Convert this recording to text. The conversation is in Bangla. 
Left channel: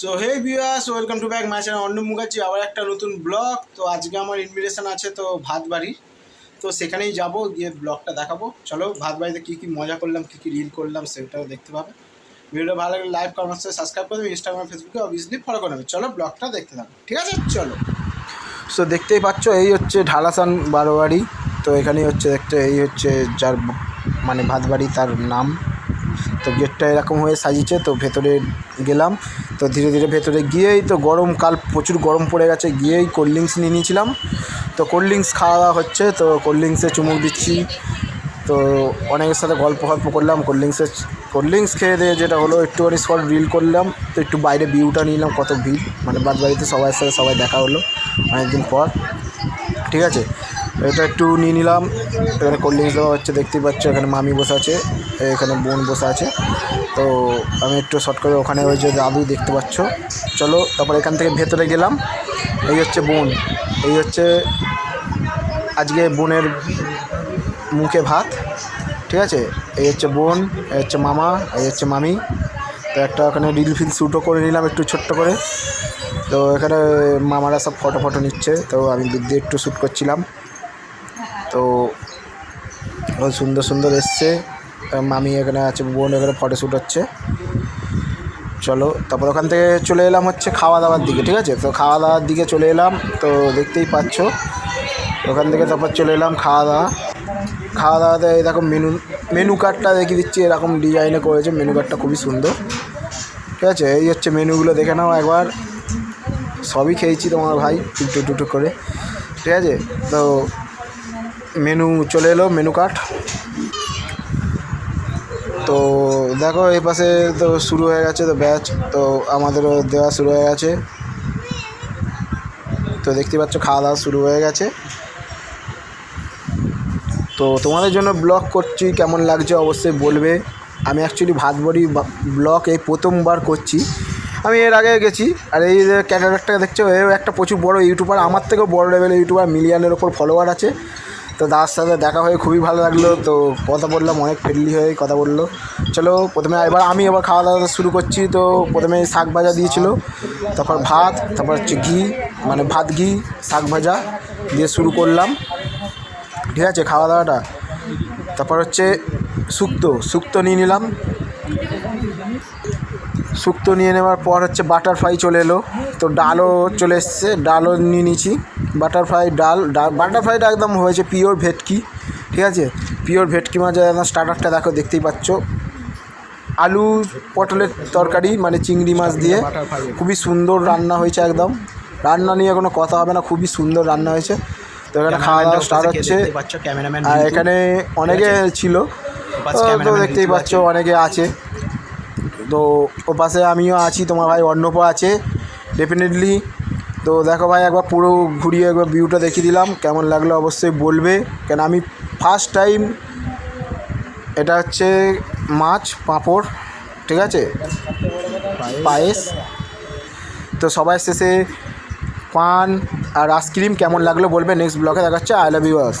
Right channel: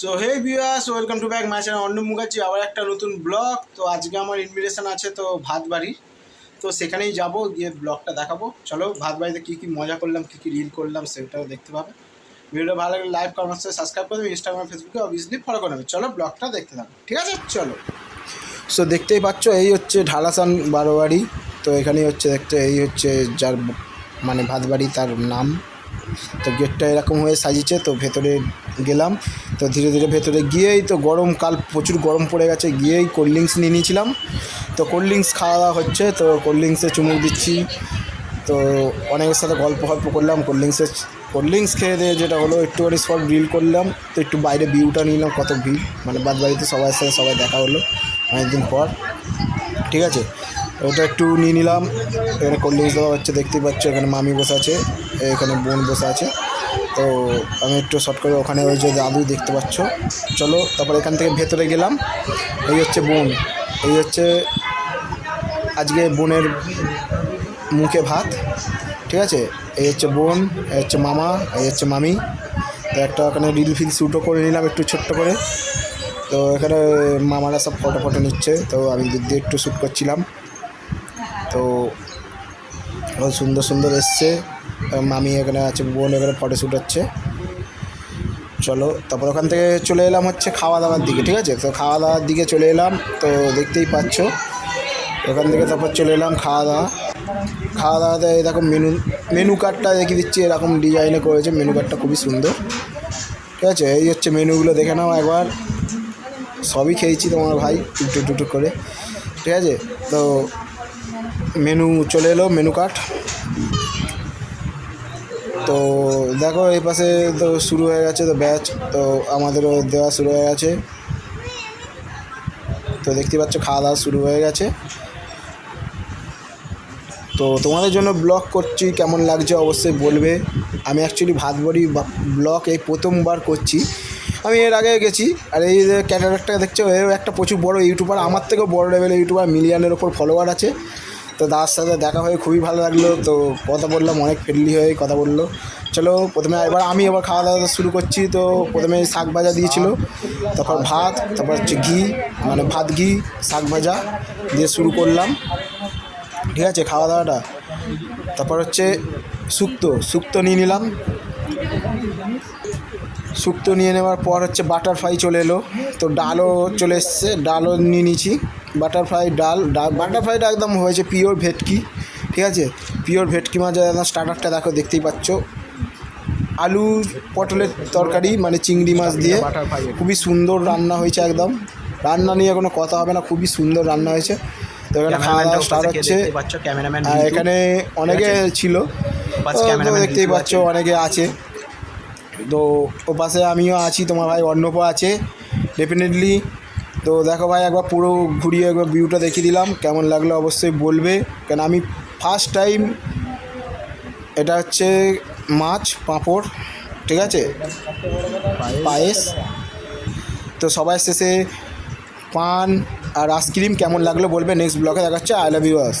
So hey viewers welcome to back my channel অন্য মুখার্জি আবার একটা নতুন ব্লগ তো আজকে আমার ইনভিটেশন আছে তো ভাত বাড়ির তো সেখানেই যাব, গিয়ে ব্লগটা দেখাবো। চলো ভাত বাড়িতে কী কী মজা করলাম, কী কী রিল করলাম, সেটাও দেখতে পাবে। ভিডিওটা ভালো লাগলে লাইভ কমেন্ট সাবস্ক্রাইব করে দেবে। ইনস্টাগ্রাম ফেসবুকে অবভিয়াসলি ফলো করে নেবে। চলো ব্লগটা দেখতে থাকো। ঠিক আছে? চলো। সো দেখতেই পাচ্ছ, এই হচ্ছে ঢালাসান বারোয়ারি তো এখানেই হচ্ছে দেখতে, এই হচ্ছে যার মানে ভাত বাড়ি তার নাম। তো গেটটা এরকম হয়ে সাজিয়েছে, তো ভেতরে গেলাম। তো ধীরে ধীরে ভেতরে গিয়েই তো গরমকাল প্রচুর গরম পড়ে গেছে, গিয়েই কোল্ড ড্রিঙ্কস নিয়ে নিয়েছিলাম। তো কোল্ড ড্রিঙ্কস খাওয়া হচ্ছে, তো কোল্ড ড্রিঙ্কসে চুমুক দিচ্ছি। তো অনেকের সাথে গল্প গল্প করলাম কোল্ড ড্রিঙ্কসের কোল্ড ড্রিঙ্কস খেয়ে দিয়ে যেটা হলো একটুখানি স্পট রিল করলাম, তো একটু বাইরে ভিউটা নিলাম, কত ভিড়। মানে বাদ বাড়িতে সবার সাথে সবাই দেখা হলো অনেকদিন পর। ঠিক আছে? এটা একটু নিয়ে নিলাম। এখানে কোল্ড ড্রিঙ্কস দেওয়া হচ্ছে দেখতেই পাচ্ছ, এখানে মামি বসে আছে, এখানে বোন বসে আছে। তো আমি একটু শর্ট করে ওখানে ওই যে দাদু দেখতে পাচ্ছ। চলো, তারপর এখান থেকে ভেতরে গেলাম। এই হচ্ছে বোন। এই হচ্ছে আজকে বোনের মুখে ভাত, ঠিক আছে? এই হচ্ছে বোন, এই হচ্ছে মামা, এই হচ্ছে মামি। তো একটা ওখানে রিল ফিল শ্যুটও করে নিলাম একটু ছোট্ট করে। তো এখানে মামারা সব ফটো ফটো নিচ্ছে, তো আমি দূর দিয়ে একটু শ্যুট করছিলাম। তো সুন্দর সুন্দর এসছে। মামি এখানে আছে, বোন এখানে ফটো শ্যুট হচ্ছে। চলো, তারপর ওখান থেকে চলে এলাম হচ্ছে খাওয়া দাওয়ার দিকে, ঠিক আছে? তো খাওয়া দাওয়ার দিকে চলে এলাম, তো দেখতেই পাচ্ছ। ওখান থেকে তারপর চলে এলাম খাওয়া দাওয়া খাওয়া দাওয়াতে দেখো মেনু মেনু কার্ডটা দেখিয়ে দিচ্ছি, এরকম ডিজাইনে করেছে মেনু কার্ডটা খুবই সুন্দর। ঠিক আছে? এই হচ্ছে মেনুগুলো দেখে নাও একবার। সবই খেয়েছি তোমার ভাই টুকটু টুকটু করে। ঠিক আছে? তো মেনু চলে এলো মেনু কার্ড তো দেখো, এই পাশে তো শুরু হয়ে গেছে তো ব্যাচ তো আমাদেরও দেওয়া শুরু হয়ে গেছে। তো দেখতে পাচ্ছ, খাওয়া দাওয়া শুরু হয়ে গেছে। তো তোমাদের জন্য ব্লগ করছি, কেমন লাগছে অবশ্যই বলবে। আমি অ্যাকচুয়ালি ভাত বড়ি ব্লগ এই প্রথমবার করছি। আমি এর আগে গেছি, আর এই যে ক্যাটারটা দেখছ, এও একটা প্রচুর বড় ইউটিউবার, আমার থেকেও বড় লেভেলের ইউটিউবার, মিলিয়নের ওপর ফলোয়ার আছে। তো দাদার সাথে দেখা হয়ে খুবই ভালো লাগল, তো কথা বললাম, অনেক ফ্রেন্ডলি হয়ে কথা বলল। চলো, প্রথমে এবার আমি এবার খাওয়া দাওয়া শুরু করছি, তো প্রথমে শাক ভাজা দিয়েছিল, তারপর ভাত, তারপর হচ্ছে ঘি মানে ভাত, ঘি, শাক ভাজা দিয়ে শুরু করলাম। ঠিক আছে খাওয়া দাওয়াটা তারপর হচ্ছে শুক্তো শুক্তো নিয়ে নিলাম। শুক্তো নিয়ে নেওয়ার পর হচ্ছে বাটারফ্লাই চলে এলো। তো ডালও চলে এসছে, ডালও নিয়ে নিয়েছি। বাটারফ্লাই ডাল বাটারফ্লাইটা একদম হয়েছে পিওর ভেটকি, ঠিক আছে? পিওর ভেটকি মাছের একদম স্টার্টারটা দেখো, দেখতেই পাচ্ছ। আলু পটলের তরকারি মানে চিংড়ি মাছ দিয়ে। খুবই সুন্দর রান্না হয়েছে একদম। রান্না নিয়ে কোনো কথা হবে না, খুবই সুন্দর রান্না হয়েছে। তো এখানে খাওয়া দাওয়া start পাচ্ছ ক্যামেরাম্যান এখানে অনেকে ছিল। দেখতেই পাচ্ছ অনেকে আছে। তো ও পাশে আমিও আছি তোমার ভাই অর্ণব আছে ডেফিনেটলি তো দেখো ভাই একবার পুরো ঘুরিয়ে একবার ভিউটা দেখিয়ে দিলাম কেমন লাগল অবশ্যই বলবে। কেন আমি ফার্স্ট টাইম এটা হচ্ছে মাছ পাঁপড় ঠিক আছে? পায়েস। তো সবাই শেষে পান আর আইসক্রিম কেমন লাগল বলবে নেক্সট ব্লগে দেখাচ্ছে। I love you us